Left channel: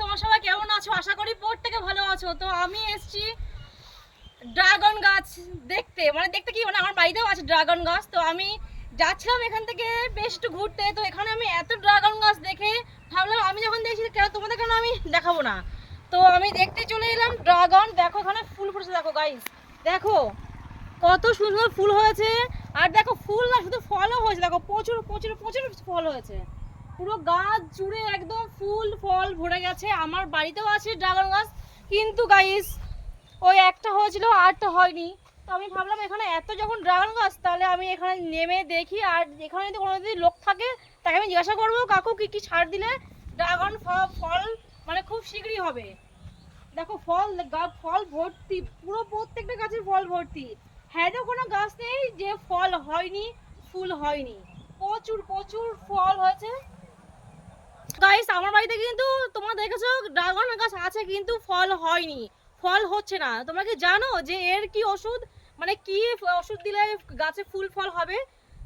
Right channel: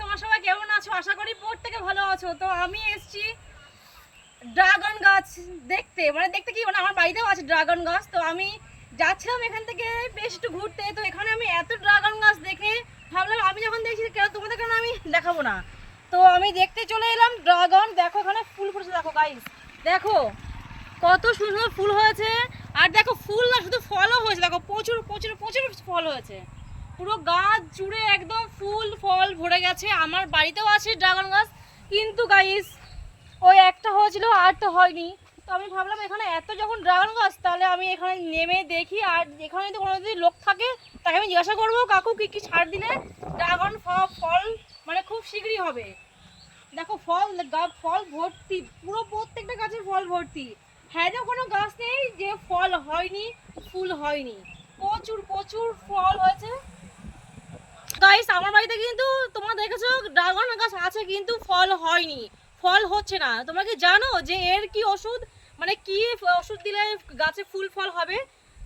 তোমার সবাই কেমন আছো? আশা করি প্রত্যেকে ভালো আছো। তো আমি এসেছি ড্রাগন গাছ দেখতে। মানে দেখতে কি? মানে আমার বাড়িতেও আছে ড্রাগন গাছ। তো আমি যাচ্ছিলাম এখান থেকে বেশ একটু ঘুরতে। তো এখানে আমি এত ড্রাগন গাছ দেখে ভাবলাম, আমি যখন দেখছি কেন তোমাদের কেন আমি দেখাবো না? তো আমি দেখতে চলে এলাম ড্রাগন। দেখো এখানে ফুল ফুটেছে, দেখো গাইস দেখো, কত সুন্দর ফুল হয়েছে। আর দেখো ফুল না, শুধু ফলও হয়েছে। দেখো প্রচুর প্রচুর প্রচুর ফল হয়েছে। পুরো গাছ জুড়ে একদম ভরে গেছে, আমার বাড়িতেও আছে ড্রাগন গাছ, কিন্তু গাইস ওই একটা হয়েছিল আরটা হয়নি। তো আমি ভাবলাম এখানে এত যখন ড্রাগন গাছ, তাহলে আমি এখানে নেমে দেখি, আর এখানে যদি কোনো যদি লোক থাকে, তাকে আমি জিজ্ঞাসা করব, কাকু, কি কি ছাড় দিলে ড্রাগন ফল মানে খুব শীঘ্রই হবে? দেখো, ফল ফল ভর্তি, পুরো প্রত্যেকটা গাছের ফল ভর্তি। হ্যাঁ যে কোনো গাছ নেই যে ফল হয়নি, ফুল হয়নি। প্রচুর প্রচুর ফল হয়েছে। গাইস আমার বাড়িতে কিন্তু তোমরা দেখেছ, ড্রাগন গাছ আছে কিন্তু ফল হয়নি। ফল হচ্ছে না। তোমরা কি জানো যে এর কি ওষুধ? মানে কি ওষুধ দিলে গাছে ফুল ফল হবে?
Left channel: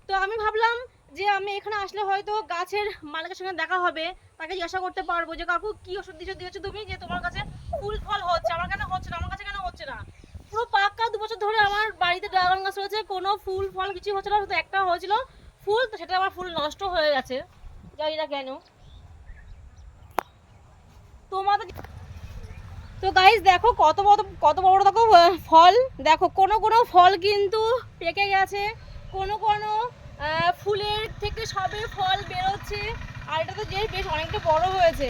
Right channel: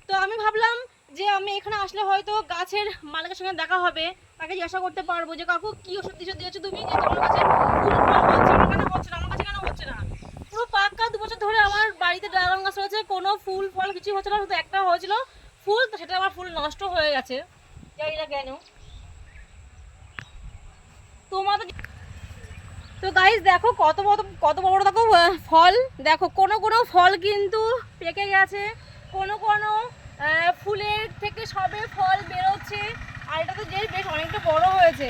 তো আমি ভাবলাম যে আমি এখানে আসলে হয়তো গাছের মালিকের সঙ্গে দেখা হবে। তাকে জিজ্ঞাসা করতে পারব যে, কাকু, কি ওষুধ দিয়েছ? দিয়েছ তুমি যে তোমার কাছে ফুল ফল হচ্ছে? আমার কেন হচ্ছে না, আমার কাছে কেন হচ্ছে না? পুরো পাক্কা দু বছর ধরে আমার বাড়িতে ড্রাগন গাছ রয়েছে। কোনো ফুল ফল কিছু হচ্ছে না, শুধু একটা হয়েছিল। ফুল, তো সেটা আমার ফুল নষ্ট হয়ে গেছে। জানি না কেন তোমাদের তো গাইস দেখো কত বড় কত বড় দেখো ফল। দেখো, কোনো কোনো ফল কিন্তু পেকে গেছে। কোনো কোনো ফুলের থেকে সবে ফল বেরোচ্ছে। আর এটা তো যে বেশ অনেকটা বড় হয়েছে।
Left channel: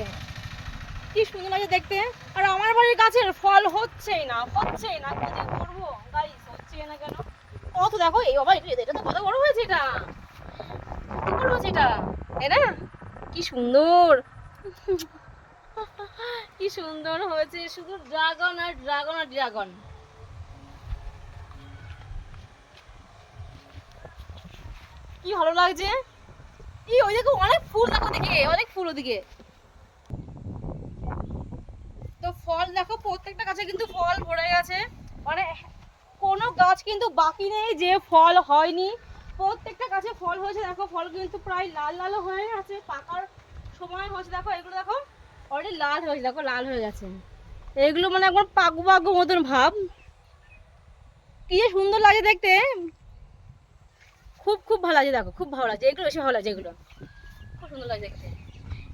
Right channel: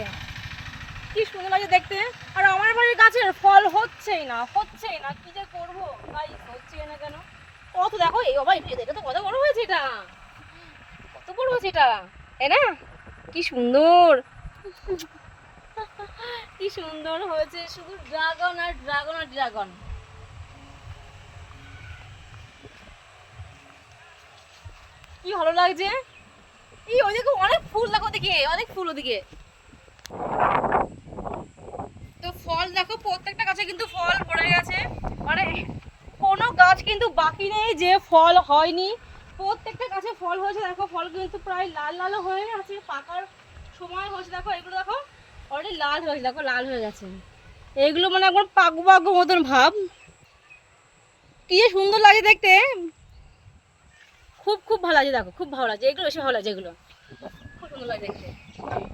কি সুন্দর লাগে দেখতে। আর আমার বাড়ির গাছের ফল হচ্ছেই না হচ্ছেই না। কি যে করব? গাইস হচ্ছেই না কেন? কত দেখো, এই বাবা, এটা এটা তো কত বড় হয়েছে এটা। কত বড় হয়েছে এটা? তাই না? কি সুন্দর। কি সুন্দর হয়েছে, শুধু ড্রাগন আর ড্রাগন আর ড্রাগন কি ভালো লাগছে? এই ওই দেখো অনেক ফুল দেখো দিকে অনেক ফুল ওদিকে। তো ফল দেখো, প্রত্যেকটা গাছে কিন্তু ফল ভরে গেছে। মানে কোনো গাছ কিন্তু বাকি নেই যে ফল হয়নি। প্রত্যেকটা গাছে ফল হয়েছে, দেখো ফল কিন্তু প্রায় লাল লাল হয়ে আছে, পাকার সময় হয়েছে, দেখো এগুলো দেখো। অলরেডি লাল হয়েছে দেখো লাল হয়ে গেছে। এগুলো মানে একবার পাকু পাকু মতন ভাব। কি সুন্দর লাগে দেখতে। খুব খুব ভালো লাগে দেখো, খুব ভালো লাগছে। এগুলো বেশি ভালো লাগছে, এগুলো। খুব সুন্দর লাগে দেখতে।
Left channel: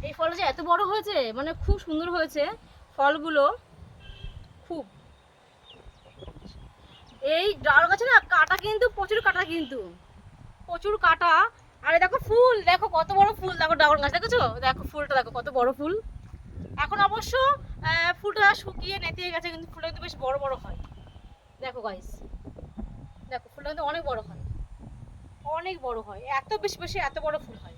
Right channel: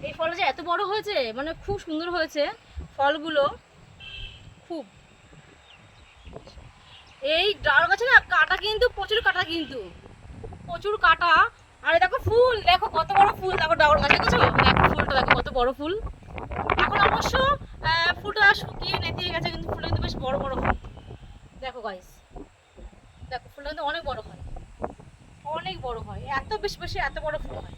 এই ফলটা যে এত বড় হয়েছে মানে খুব সুন্দর হয়েছে, ফলগুলো খুব। এই ডাল গাছে না কাটা কিন্তু, প্রচুর কাটা কিন্তু। প্রচুর কাটা। আরে দেখো ফুল, দেখো কত বড় ফুল। দেখো ডাগর গাছ, দেখেছ? দেখো ফুলটা, দেখো কত বড় ফুল। এখন অবশ্য ফুলটা শুকিয়ে নেতিয়ে গেছে, কিন্তু ফুলটা কিন্তু বেশ বড় বড় হয়। দেখো গাইস দেখো, ফুলটা কিন্তু অনেক বড় হয়। অনেক বড় হয়। এত বেশি বেশি এত বড় ফুল হয়।